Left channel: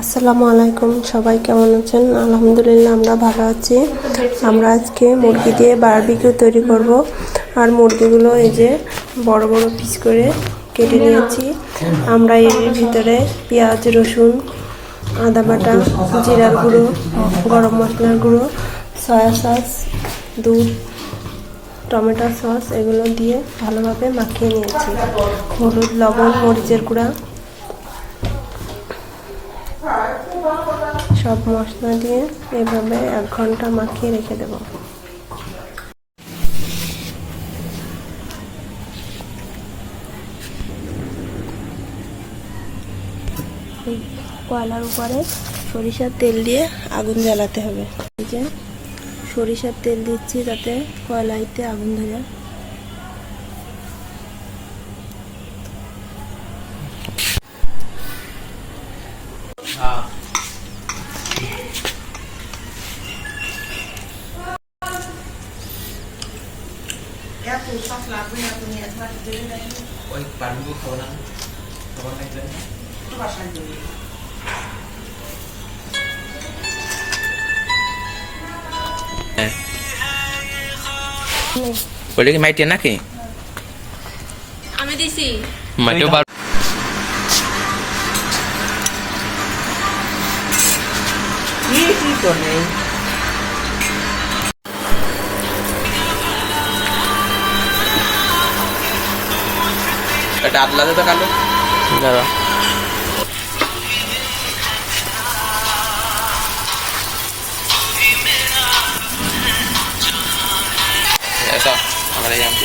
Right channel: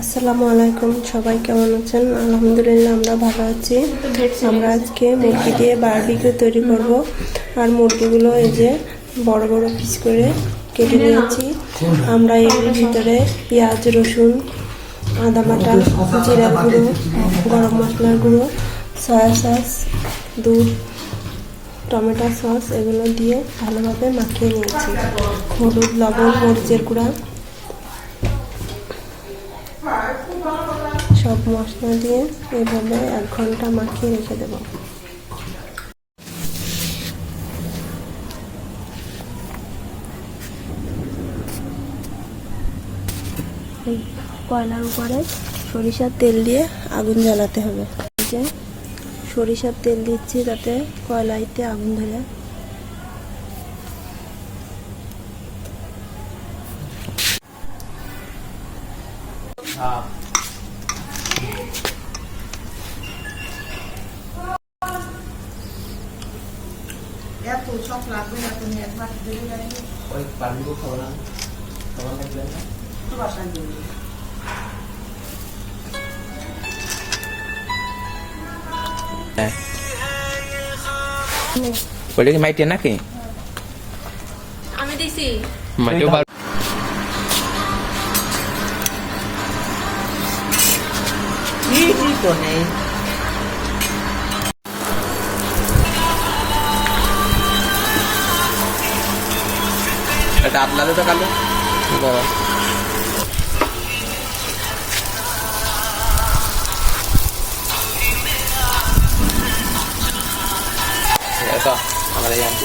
আসসালামু আলাইকুম, সবাই কেমন আছেন? আলহামদুলিল্লাহ আমরা ভালো আছি। আমরা আজকে মুরগি দিয়ে বারবিকিউ তৈরি করব। আর মুরগিগুলো এই যে বড় বড় পিস করে কেটে নিয়েছি। আমরা এর ভিতরে পেঁয়াজ, রসুন, আদা বাটা, জিরার গুঁড়ো, গরম মশলার গুঁড়ো, সয়া সস, দুধ, টমেটো সস এগুলো দিয়ে ভালোভাবে মাখিয়ে নিয়েছি। হলুদ, লবণ, মরিচের গুঁড়া, সব মশলা দিয়ে এভাবে 1 ঘন্টা মাখিয়ে রেখে দেব। কয়লার উপরে সরিষার তেল দিয়ে আগুন জ্বালাতে হবে। এই যে সরিষার তেল দিচ্ছি যাতে কয়লাইতে আগুন ধরে। ওই কাঠগুলো খাবো না, তখন দেখলেন না তো বাসায় দিবি। ওটা কি মাইটে নাকি? আমি দিছি মাইটেও বার কি তো নেই। এটা আদলাতে তো কালো দাদা এটা আমাদের জানতে